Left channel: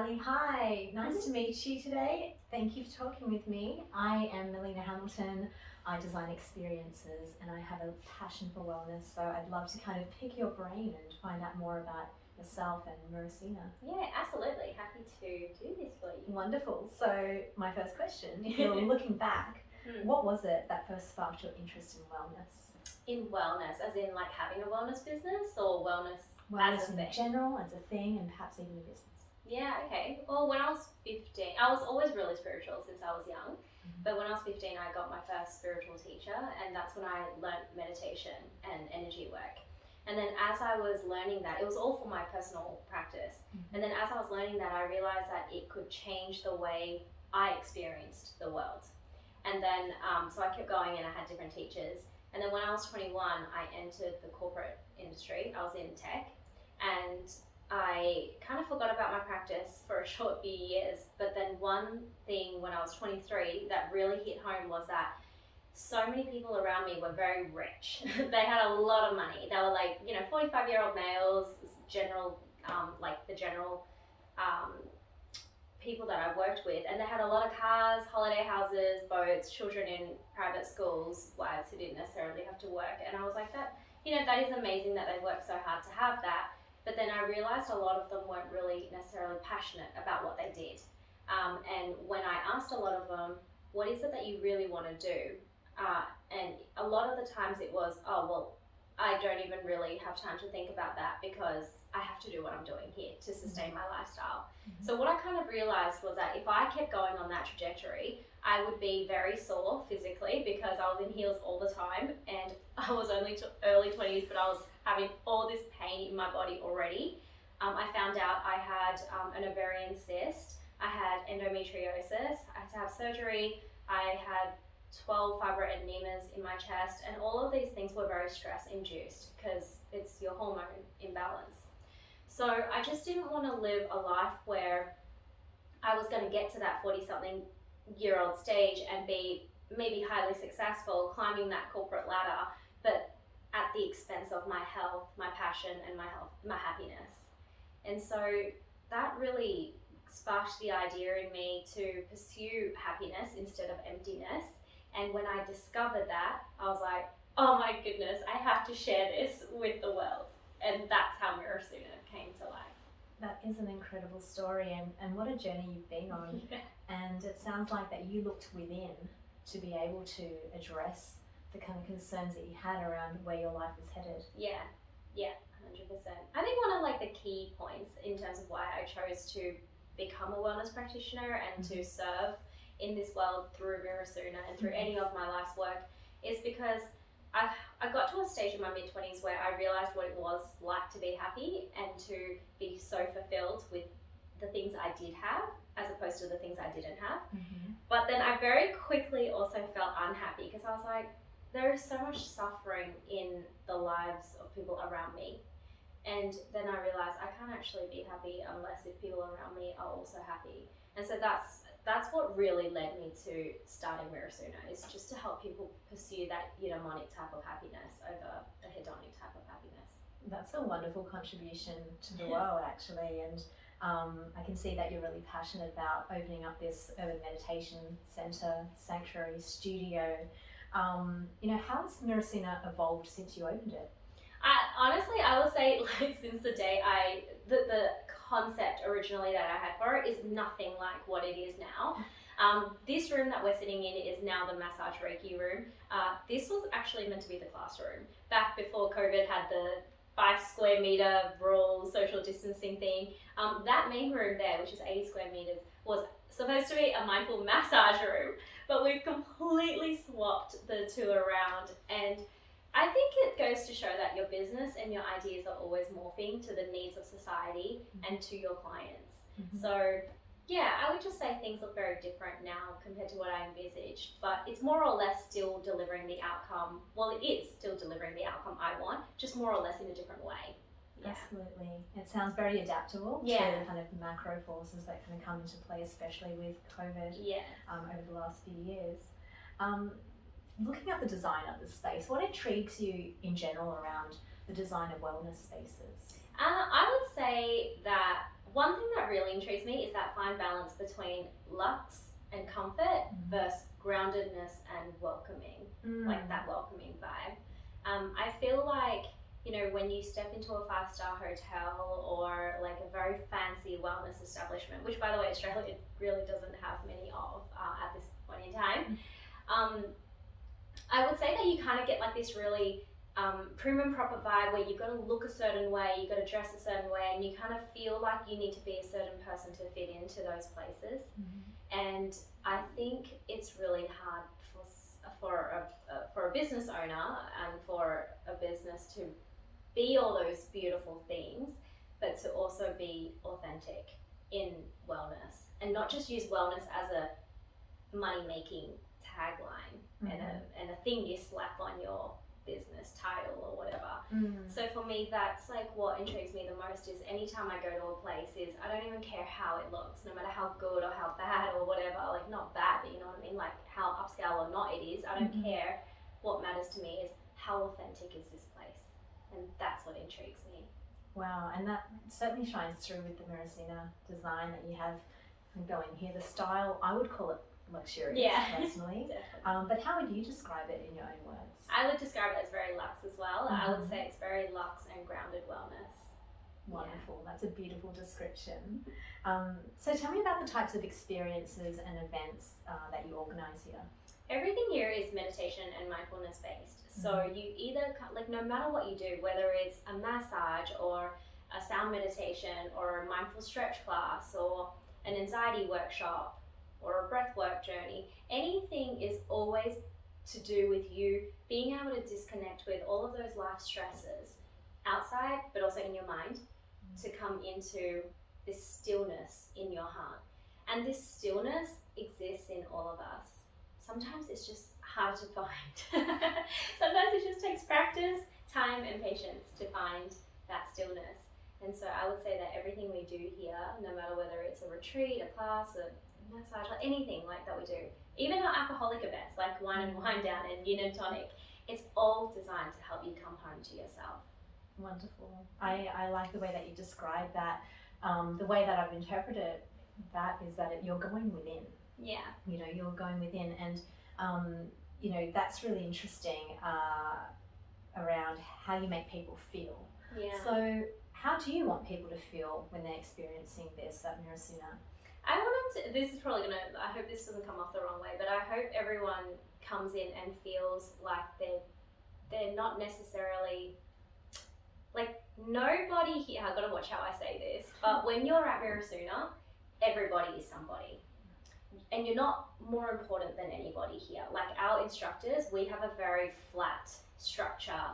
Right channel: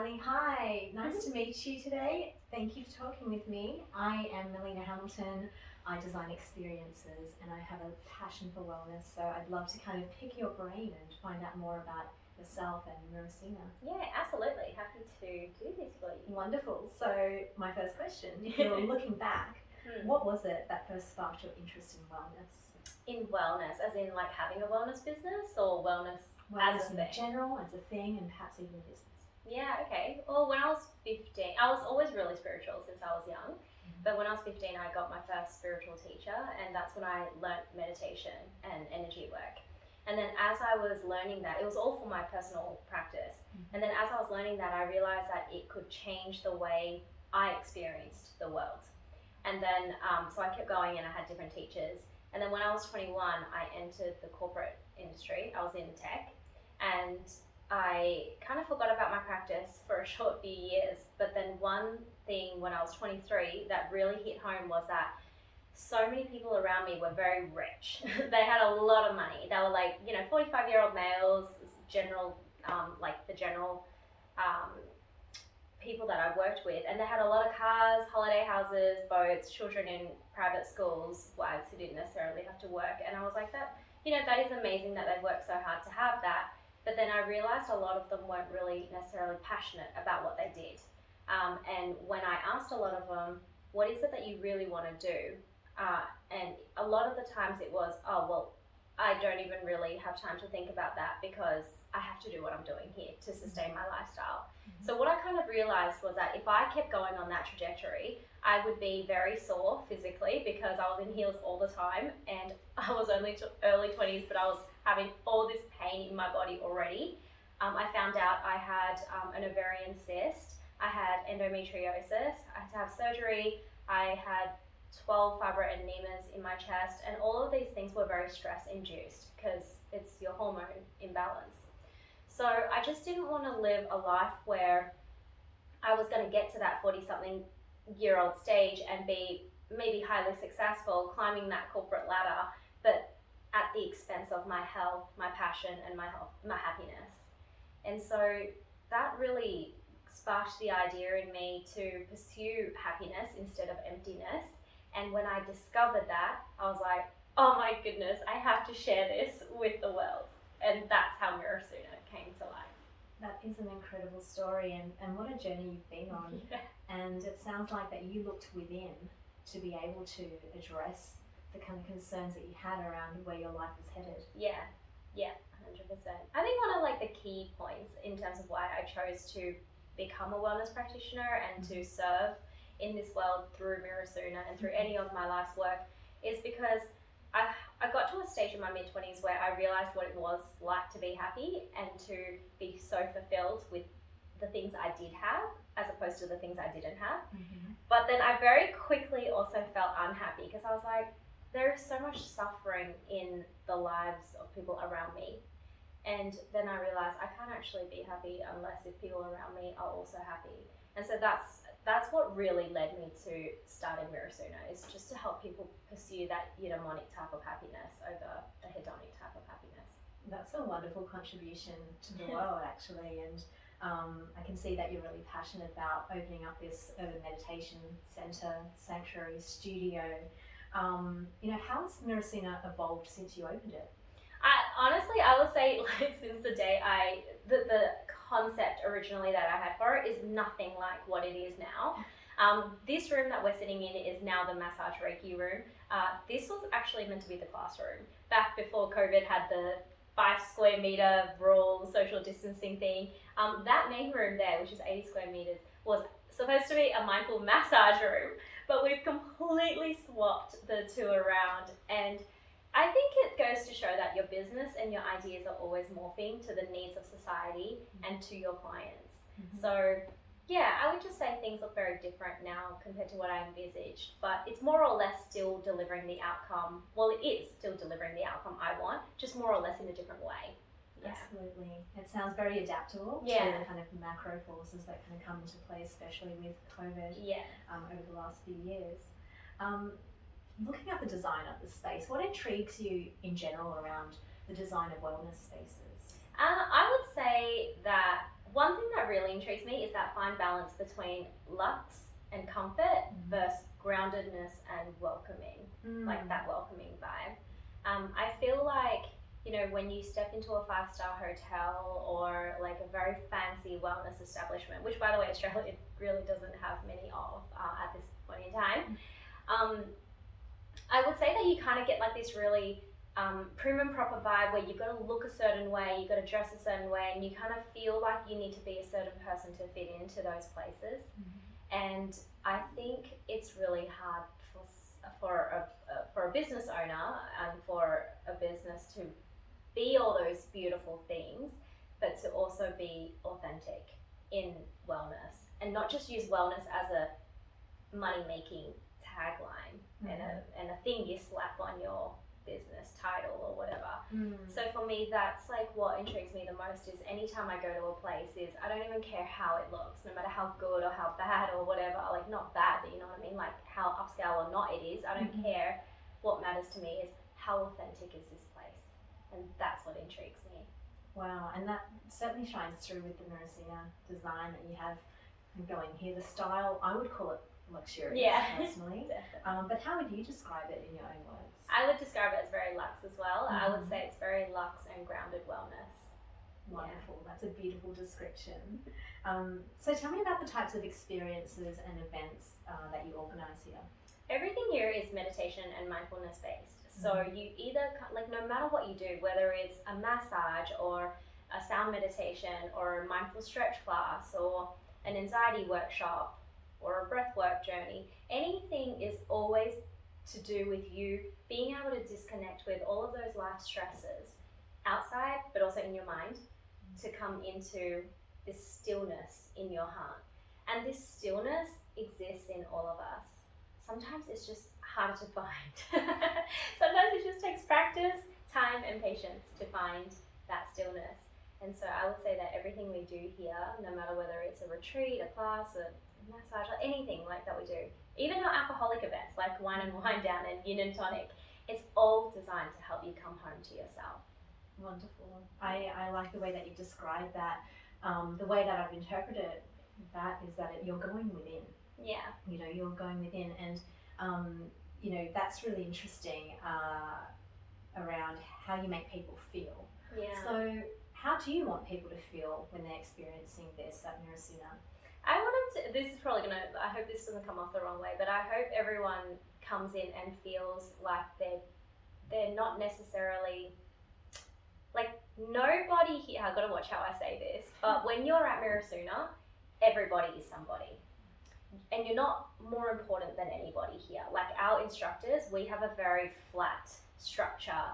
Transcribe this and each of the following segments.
Sally. Hi, nice to meet you today. Thank you for talking with me. I am Melina Hamilton. I design experiences and I have a passion for wellness, so I'd love to kind of pick your brain and find out more about yourself and Mirosuna. Yeah, absolutely. Happy to do this for you. Wonderful. So my first question, if you're looking back, what was it that first sparked your interest in wellness? In wellness, as in like having a wellness business, or wellness Wellness as a in thing? general, as a thing, and perhaps even a business. Yeah, okay. Well, when I was 15, I was always really spiritual since I was young. But when I was 15, I got my first spiritual teacher, and that's when I learnt meditation and energy work. And then as I was learning that, it was all for my personal practice. And then as I was learning that, I realized that it could change the way I experienced the world. And then, so I kept going and I had different teachers. And then when I was 21, I entered the corporate industry. I was in tech, and I kind of forgot about my practice for a short few years. But then one thing when I was 23 that really hit home was that so many people around me were very rich. They had a lot of money. They were like, 45-year-old males, general, like the general people that I worked with, and they had a lot of cars, holiday houses, boats, children in private schools, wives who didn't necessarily have to work. And I was like, that is amazing that they worked so hard to have that. But then I realized a lot of them weren't really necessarily passionate about what they did. And when I asked a lot of them, what is it that you really want to do? And a lot of the times it was, oh, well, I don't even really have time to think about that because I have to do what I'm doing here to sustain my lifestyle. So what I kind of realized was that if I kept going on that trajectory, I would be very sore physically because I was in heels all the time, and I was only early 20s, but I was having all this pain in my body already. I found out I had an ovarian cyst, I had endometriosis, I had to have surgery, I had 12 fibroadenomas in my chest, and all of these things were very stress induced because it's your hormone imbalance. So I just didn't want to live a life where I was going to get to that 40-something year old stage and be maybe highly successful climbing that corporate ladder, but at the expense of my health, my passion, and my happiness. And so that really sparked the idea in me to pursue happiness instead of emptiness. And when I discovered that, I was like, oh my goodness, I have to share this with the world. And that's how Mirasuna came to life. That is an incredible story, and what a journey you've been on. Yeah. And it sounds like that you looked within to be able to address the kind of concerns that you had around where your life was headed. Yeah, 100%. I think one of like the key points in terms of why I chose to become a wellness practitioner and to serve in this world through Mirasuna and through any of my life's work is because I got to a stage in my mid-20s where I realized what it was like to be happy and to be so fulfilled with the things I did have as opposed to the things I didn't have. But then I very quickly also felt unhappy because I was like, there is so much suffering in the lives of people around me. And then I realized I can't actually be happy unless if people around me are also happy. And so that's what really led me to starting Mirasuna, is just to help people pursue that eudaimonic type of happiness over a hedonic type of happiness. That's a wonderful contribution to the world, actually. And I can see that you're really passionate about opening up this urban meditation center, sanctuary, studio. How has Mirasuna evolved since you opened it? Honestly, I would say like since the day the concept originally that I had for it is nothing like what it is now. This room that we're sitting in is now the massage Reiki room. This was actually meant to be the classroom. Back before COVID had the 5 square meter rule, social distancing thing. That main room there, which is 80 square meters, was supposed to be a mindful massage room, but we've completely swapped the two around, and I think it goes to show that your business and your ideas are always morphing to the needs of society and to your clients. So yeah, I would just say things look very different now compared to what I envisaged, but it's more or less still delivering the outcome. Well, it is still delivering the outcome I want, just more or less in a different way. Yeah. Absolutely. It sounds very adaptable to the kind of macro forces that kind of come into play, especially with COVID over the last few years. Looking at the design of the space, what intrigues you in general around the design of wellness spaces? I would say that one thing that really intrigues me is that fine balance between luxe and comfort versus groundedness and welcoming, like that welcoming vibe. I feel like, you know, when you step into a 5-star hotel or like a very fancy wellness establishment, which by the way, Australia really doesn't have many of at this point in time, I would say that you kind of get like this really prim and proper vibe where you've got to look a certain way, you've got to dress a certain way, and you kind of feel like you need to be a certain person to fit into those places. And I think it's really hard for a business owner and for a business to be all those beautiful things, but to also be authentic in wellness and not just use wellness as a money-making tagline and a thing you slap on your business title or whatever. So for me, that's like what intrigues me the most is anytime I go to a place is I don't even care how it looks, no matter how good or how bad or whatever, like not bad, but you know what I mean, like how upscale or not it is, I don't care. What matters to me is how authentic is this place, and that's what intrigues me. Wow, and that certainly shines through with the Mirasuna design that you have going here. The style, I would call it luxurious, personally. But how would you describe it in your own words? I would describe it as very luxe as well. I would say it's very luxe and grounded wellness. Wonderful, that's a beautiful description. So tell me about the types of experiences and events that you organise here. Everything here is meditation and mindfulness based. So you either, like no matter what you do, whether it's a massage or a sound meditation or a mindful stretch class or an anxiety workshop or a breathwork journey, anything is always to do with you being able to disconnect with all of those life stresses outside, but also in your mind, to come into this stillness in your heart. And this stillness exists in all of us. Sometimes it's just harder to find. Sometimes it just takes practice, time, and patience to find that stillness. And so I would say that everything we do here, no matter whether it's a retreat, a class, a massage, or anything like that we do, even our alcoholic events like wine and wind down and yin and tonic, it's all designed to help you come home to yourself. Wonderful. I like the way that you describe that. The way that I've interpreted that is that you're going within. Yeah. You know, you're going within, and you know, that's really interesting around how you make people feel. Yeah. So how do you want people to feel when they're experiencing this at Mirasuna? I wanted to, this is probably gonna, I hope this doesn't come off the wrong way, but I hope everyone comes in and feels like they're not necessarily, like nobody here, I've got to watch how I say this, but when you're at Mirasuna, everybody is somebody. And you're not more important than anybody here. Like our instructors, we have a very flat structure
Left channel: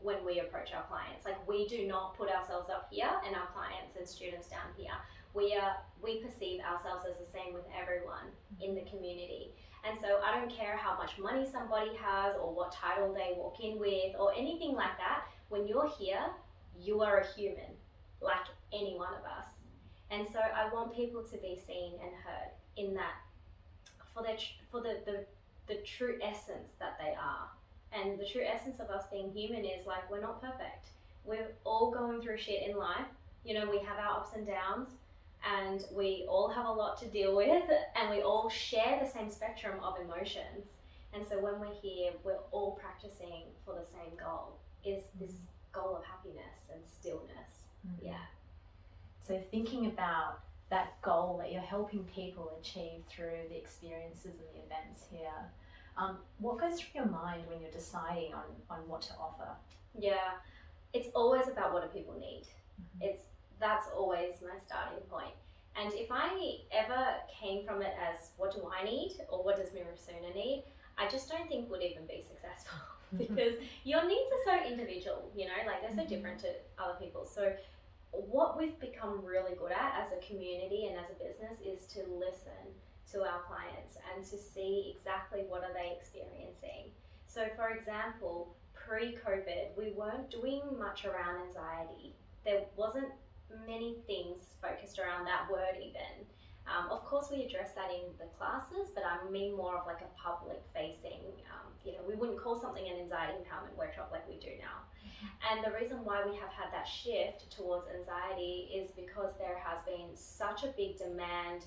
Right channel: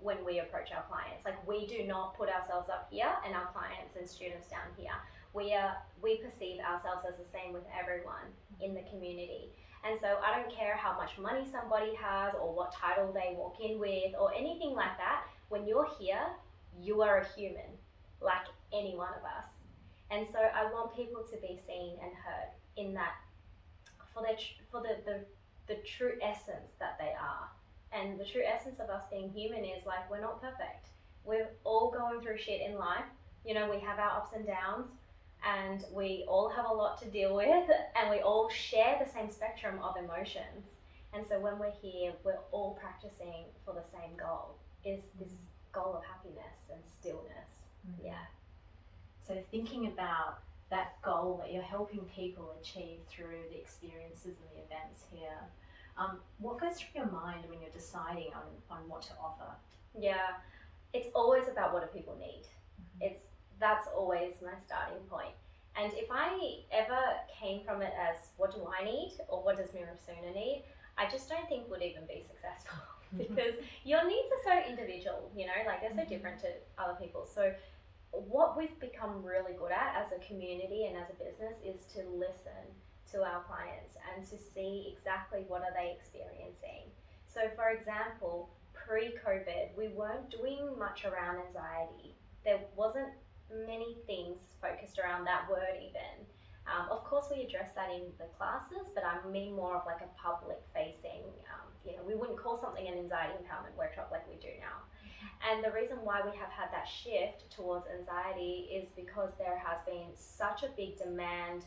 when we approach our clients. Like we do not put ourselves up here and our clients and students down here. We perceive ourselves as the same with everyone in the community. And so I don't care how much money somebody has or what title they walk in with or anything like that. When you're here, you are a human, like any one of us. And so I want people to be seen and heard in that for the true essence that they are. And the true essence of us being human is like, we're not perfect. We're all going through shit in life. You know, we have our ups and downs and we all have a lot to deal with and we all share the same spectrum of emotions. And so when we're here, we're all practicing for the same goal, is this goal of happiness and stillness. Yeah. So thinking about that goal that you're helping people achieve through the experiences and the events here, what goes through your mind when you're deciding on what to offer? Yeah, it's always about what do people need. That's always my starting point. And if I ever came from it as what do I need or what does Mirasuna need, I just don't think would even be successful because your needs are so individual, you know, like they're so different to other people's. So what we've become really good at as a community and as a business is to listen to our clients and to see exactly what are they experiencing. So for example, pre-COVID, we weren't doing much around anxiety. There wasn't many things focused around that word even. Of course, we address that in the classes, but I mean more of like a public facing, we wouldn't call something an anxiety empowerment workshop like we do now. And the reason why we have had that shift towards anxiety is because there has been such a big demand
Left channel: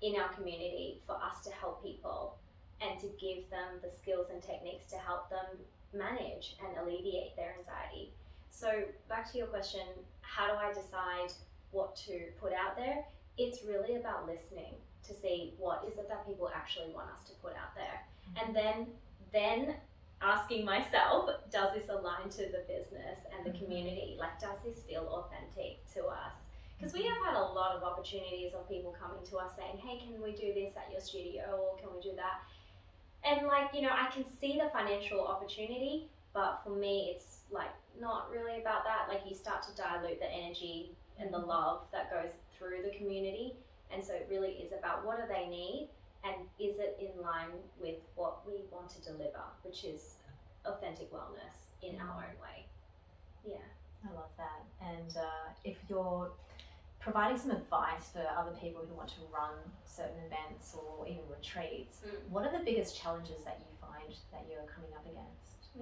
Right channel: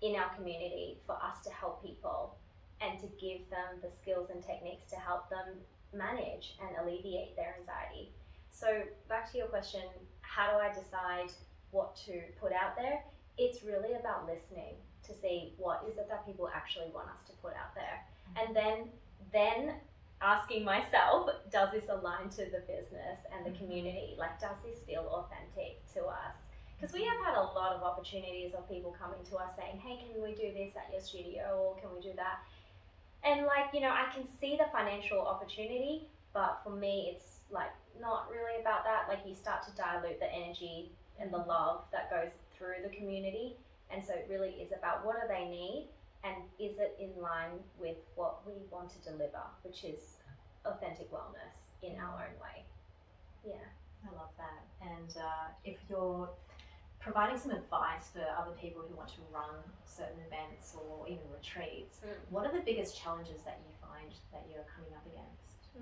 in our community for us to help people and to give them the skills and techniques to help them manage and alleviate their anxiety. So back to your question, how do I decide what to put out there? It's really about listening to see what is it that people actually want us to put out there. And then asking myself, does this align to the business and the community? Like, does this feel authentic to us? Because we have had a lot of opportunities of people coming to us saying, hey, can we do this at your studio, or can we do that? And like, I can see the financial opportunity, but for me, it's like not really about that. Like, you start to dilute the energy and the love that goes through the community. And so it really is about what do they need, and is it in line with what we want to deliver, which is authentic wellness in our own way. Yeah. I love that. And if you're providing some advice for other people who want to run certain events or even retreats, what are the biggest challenges that you find that you're coming up against?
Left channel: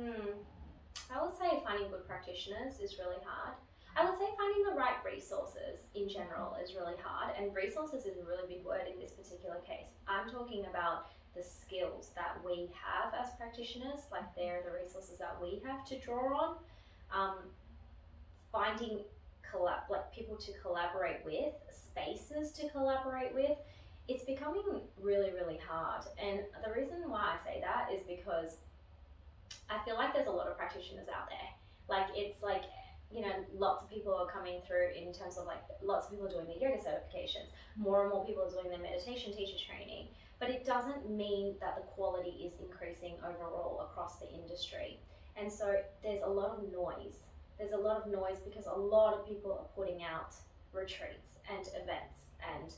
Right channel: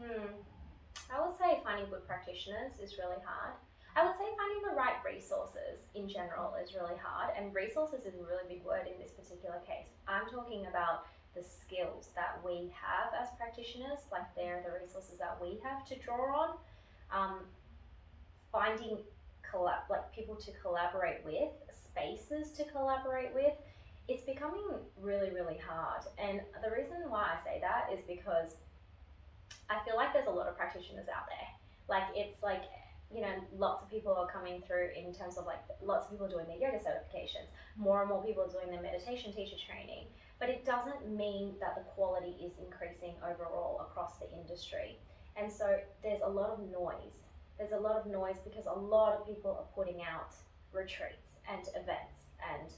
I would say finding good practitioners is really hard. I would say finding the right resources in general is really hard, and resources is a really big word in this particular case. I'm talking about the skills that we have as practitioners, like they're the resources that we have to draw on. Finding people to collaborate with, spaces to collaborate with, it's becoming really, really hard. And the reason why I say that is because I feel like there's a lot of practitioners out there. Like, it's like, lots of people are coming through in terms of like, lots of people doing their yoga certifications, more and more people are doing their meditation teacher training, but it doesn't mean that the quality is increasing overall across the industry. And so there's a lot of noise. There's a lot of noise because a lot of people are putting out retreats and events, and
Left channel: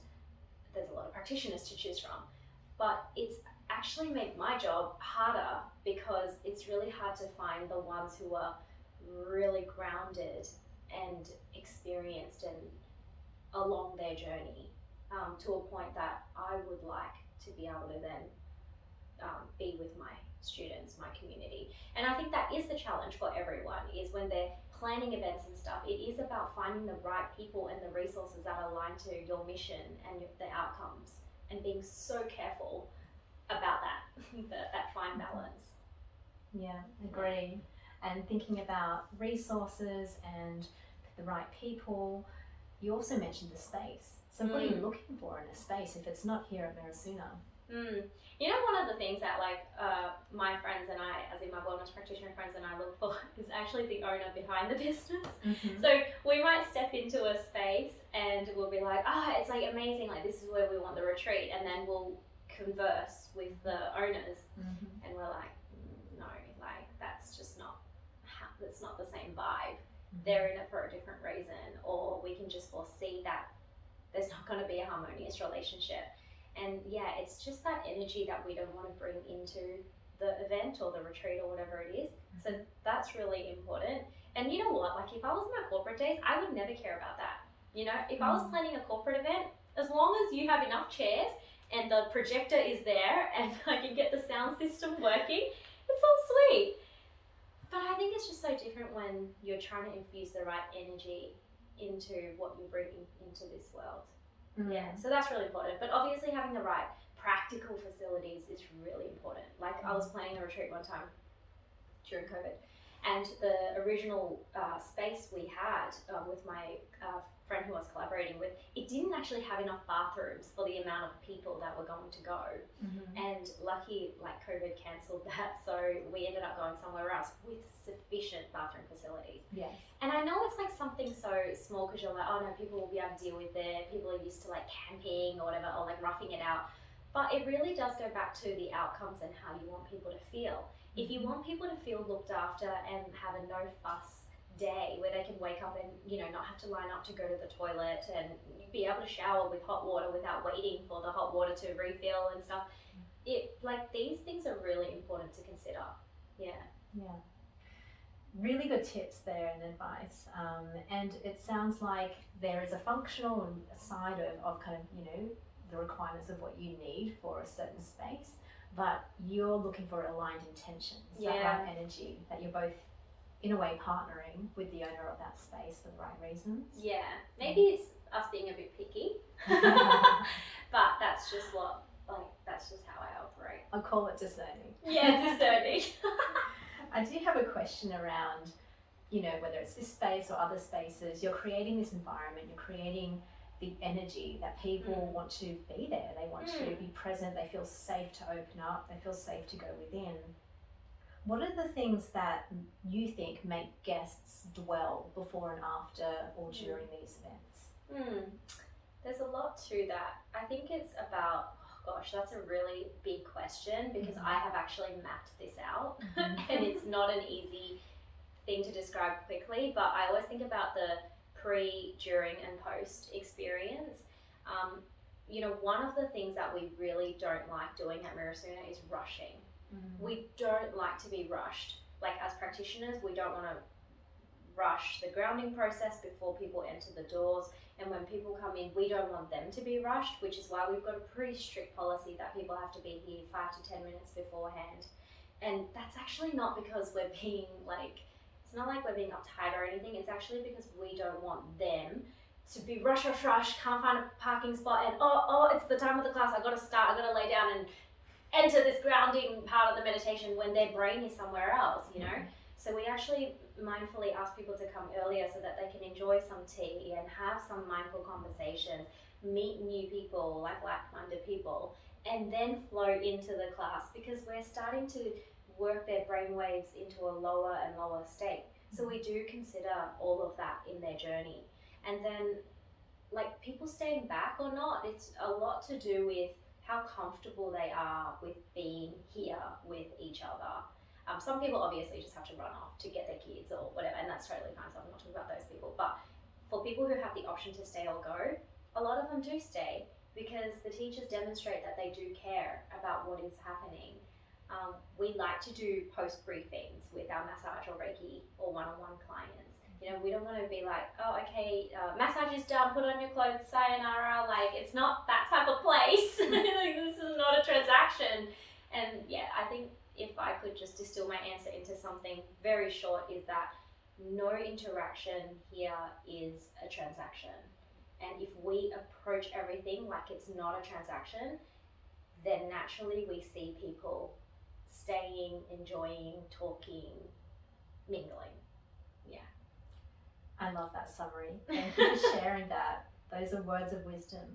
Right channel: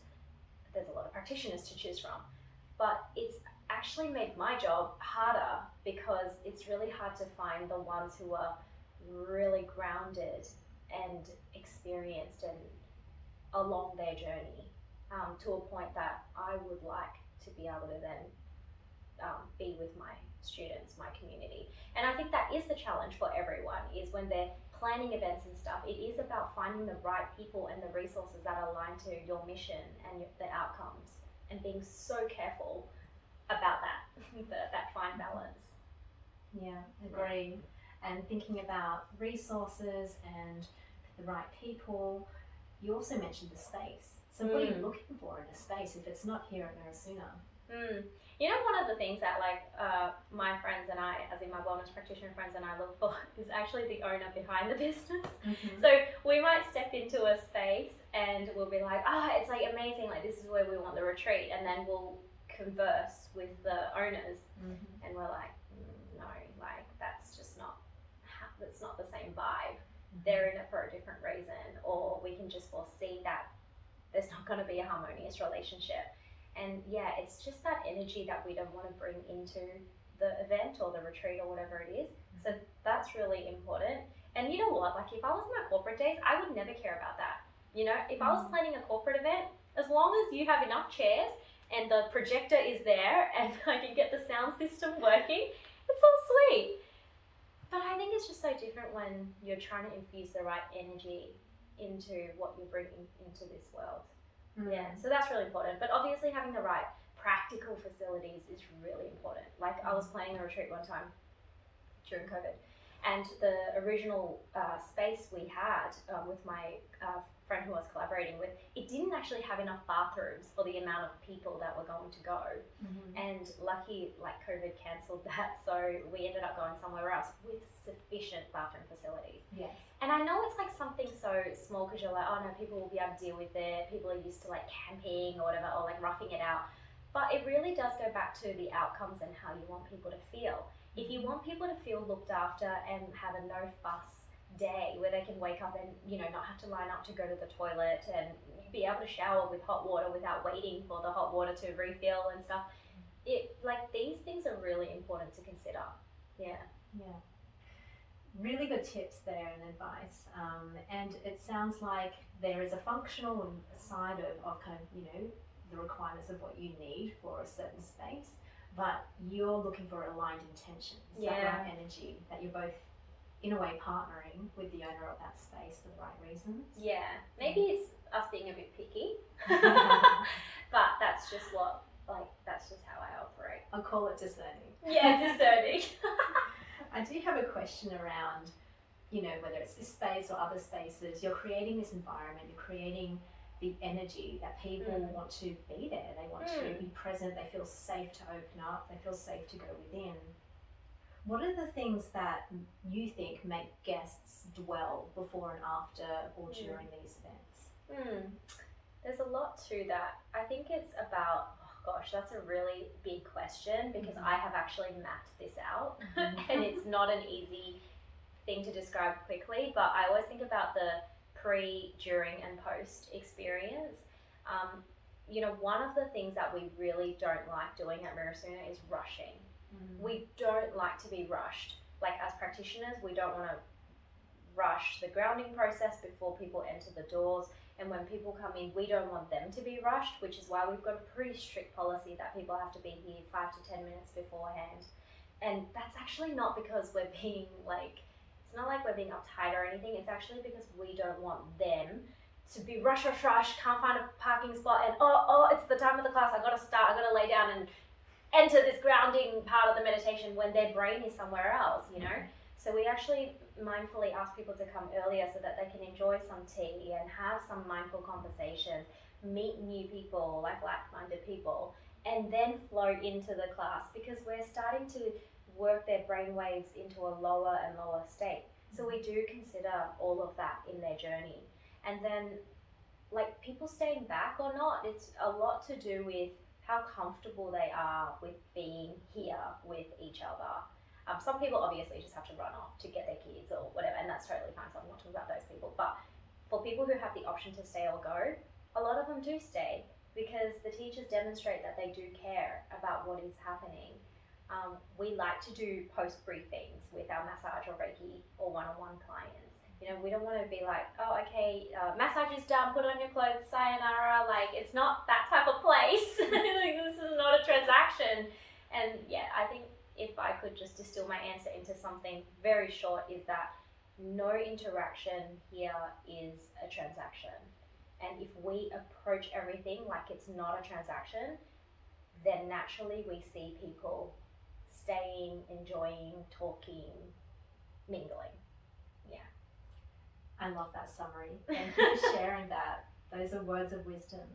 there's a lot of practitioners to choose from. But it's actually made my job harder because it's really hard to find the ones who are really grounded and experienced and along their journey to a point that I would like to be able to then be with my students, my community. And I think that is the challenge for everyone, is when they're planning events and stuff, it is about finding the right people and the resources that align to your mission and the outcomes, and being so careful about that, that fine balance. Yeah, agree. And thinking about resources and the right people. You also mentioned the space. So what are you looking for in a space if it's not here at Mirasuna? One of the things that my friends and I, as in my wellness practitioner friends and I, look for is actually the owner behind the business. So we might step into a space and we'll be like, it's like amazing, like this is where we want the retreat, and then we'll converse with the owners and we're like, no, like that's not the same vibe. They're in it for a different reason, or we can just foresee that there's not going to be a harmonious relationship. And yeah, it's just that energy that we don't want to bring into the event or the retreat or whatever it is. So that's really important. And you know what, like if I was in my corporate days, I would never care about that. If I was planning a corporate event, as long as you have enough chairs and the projector is there and I can get the sound system working, it's all sweet. But I think it's just so different when you're trying to infuse the right energy into what you're bringing into this world. Yeah, so that's really important. But obviously having the right practical facilities is really important. Like I was planning a retreat one time during COVID, and the original space we had with my friend who I was collaborating with, it didn't actually have enough bathrooms for the amount of people that were going to go. And lucky, like COVID cancelled that, so we ended up going somewhere else with sufficient bathroom facilities. Yes. And I know it's like something so small because you're like, oh no, people will be able to deal with it. People are used to like camping or whatever, or like roughing it out. But it really does go back to the outcomes and how you want people to feel. If you want people to feel looked after and have a no fuss day where they can wake up and not have to line up to go to the toilet and be able to shower with hot water without waiting for the hot water to refill and stuff, these things are really important to consider. Yeah Really good tips there and advice, and it sounds like there is a functional side of kind of the requirements of what you need for a certain space, but you're looking for aligned intentions, that right energy, that you're both in a way partnering with the owner of that space for the right reasons. Yeah, maybe it's us being a bit picky, but that's just that's just how I operate. I'll call it discerning. Yeah, discerning. I do have a question around, whether it's this space or other spaces, you're creating this environment, you're creating the energy that people want to be there, they want to be present, they feel safe to open up, they feel safe to go within. What are the things that you think make guests dwell before and after or during these events? There's a lot to that. I think it's about, that's a really big question, because I have actually mapped this out and it's not an easy thing to describe quickly, but I always think about the pre, during and post experience. One of the things that we really don't like doing at Mirasuna is rushing. We don't like to be rushed. Like, as practitioners, we don't want to rush the grounding process before people enter the doors, and when people come in, we don't want them to be rushed, which is why we've got a pretty strict policy that people have to be here 5 to 10 minutes beforehand. And that's actually not because we're being it's not like we're being uptight or anything, it's actually because we don't want them to be rush, can't find a parking spot, and it's the time of the class, I've got to start, I've got to lay down and enter this grounding part of the meditation when their brain is somewhere else, So we actually mindfully ask people to come earlier so that they can enjoy some tea and have some mindful conversations, meet new people, like-minded people, and then flow into the class, because we're starting to work their brain waves into a lower and lower state. So we do consider all of that in their journey. And then, people staying back or not, it's a lot to do with how comfortable they are with being here with each other. Some people obviously just have to run off to get their kids or whatever, and that's totally fine, so I'm not talking about those people. But for people who have the option to stay or go, a lot of them do stay, because the teachers demonstrate that they do care about what is happening. We like to do post briefings with our massage or Reiki or one-on-one clients. We don't want to be like, massage is done, put on your clothes, sayonara. It's not that type of place. This is not a transaction. And I think if I could just distill my answer into something very short, is that no interaction here is a transaction. And if we approach everything like it's not a transaction, then naturally we see people staying, enjoying, talking, mingling. I love that summary. Thank you for sharing that. Those are words of wisdom.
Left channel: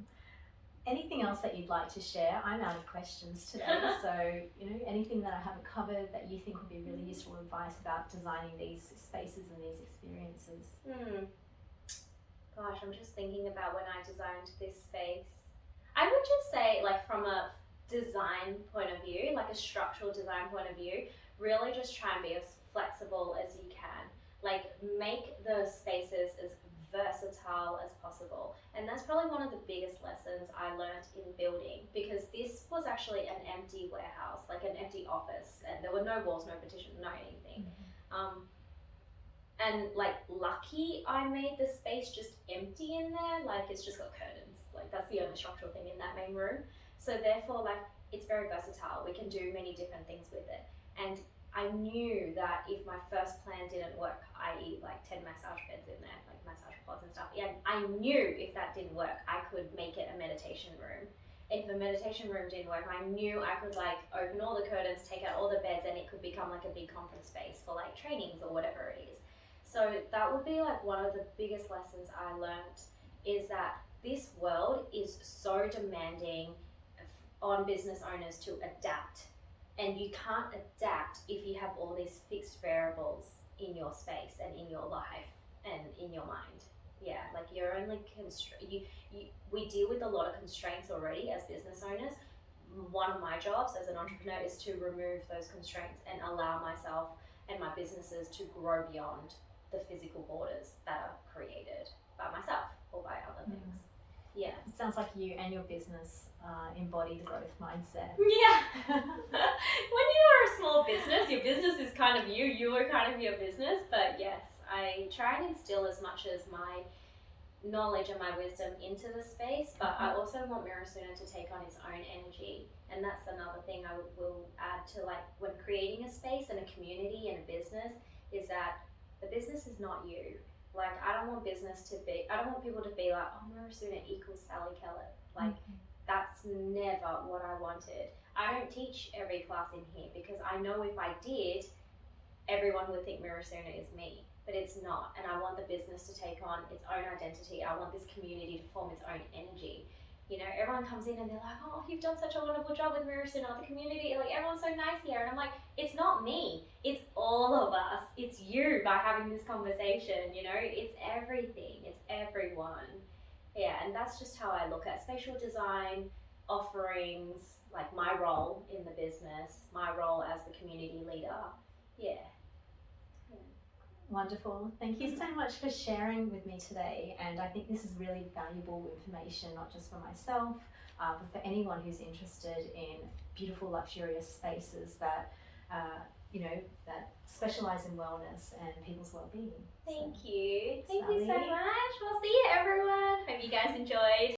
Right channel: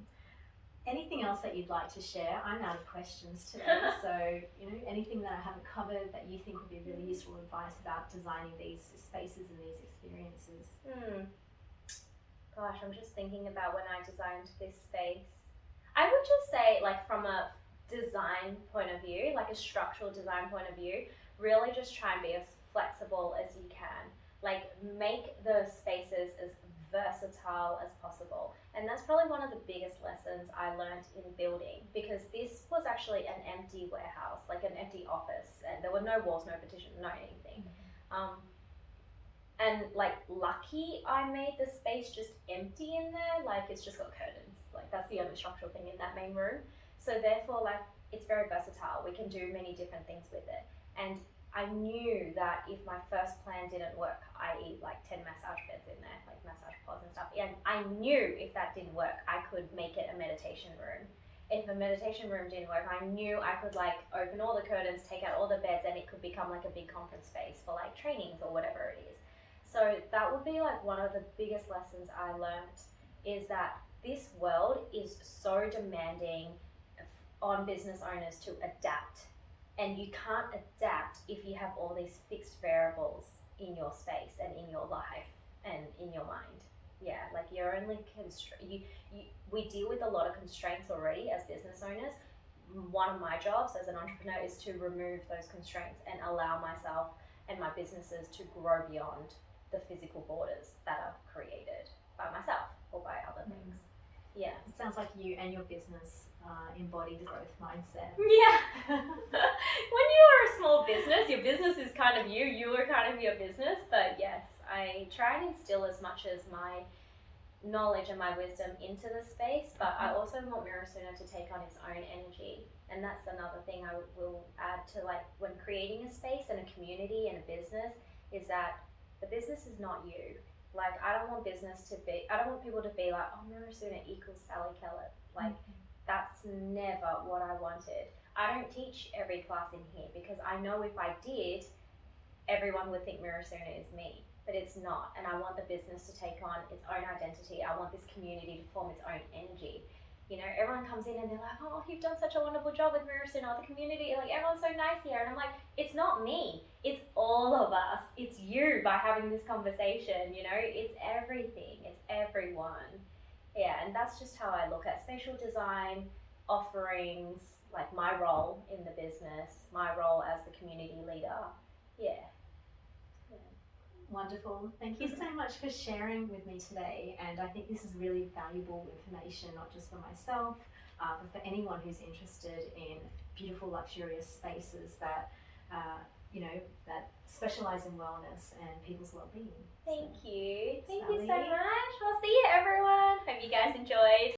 Anything else that you'd like to share? I'm out of questions today, so anything that I haven't covered that you think would be really useful advice about designing these spaces and these experiences? Gosh, I'm just thinking about when I designed this space. I would just say, from a design point of view, a structural design point of view, really just try and be as flexible as you can. Make the spaces as versatile as possible. And that's probably one of the biggest lessons I learned in building, because this was actually an empty warehouse, an empty office, and there were no walls, no partition, no anything. And lucky I made the space just empty in there, it's just got curtains. That's the only structural thing in that main room. So therefore, it's very versatile. We can do many different things with it. And I knew that if my first plan didn't work, i.e. 10 massage beds in there, massage pods and stuff, and I knew if that didn't work, I could make it a meditation room. If a meditation room didn't work, I knew I could open all the curtains, take out all the beds, and it could become a big conference space for trainings or whatever it is. So that would be one of the biggest lessons I learned, is that this world is so demanding on business owners to adapt. And you can't adapt if you have all these fixed variables in your space and in your life and in your mind. You're only we deal with a lot of constraints already as business owners. One of my jobs as an entrepreneur is to remove those constraints and allow myself and my businesses to grow beyond the physical borders that are created by myself or by other things. Yeah. It sounds like you and your business embody the growth mindset. Yeah. When you are a small business, your business is kind of you are kind of your business. But yes, I try and instill as much as my knowledge and my wisdom into the space, but I also want Mirasuna to take on its own energy. And that's another thing I will add to, like, when creating a space and a community and a business, is that the business is not you. Like, I don't want people to be like, oh, Mirasuna equals Sally Kellett. Like, that's never what I wanted. I don't teach every class in here because I know if I did, everyone would think Mirasuna is me, but it's not. And I want the business to take on its own identity. I want this community to form its own energy. You know, everyone comes in and they're like, oh, you've done such a wonderful job with Mirasuna, the community, like, everyone's so nice here. And I'm like, it's not me, it's all of us. It's you by having this conversation, you know, it's everything, it's everyone. Yeah, and that's just how I look at spatial design, offerings, like my role in the business, my role as the community leader. Yeah. Wonderful. Thank you so much for sharing with me today. And I think this is really valuable information, not just for myself, but for anyone who's interested in beautiful, luxurious spaces that, that specialize in wellness and people's well-being. Thank you. Thank Sally. you so much. We'll see you, everyone. Hope you guys enjoyed.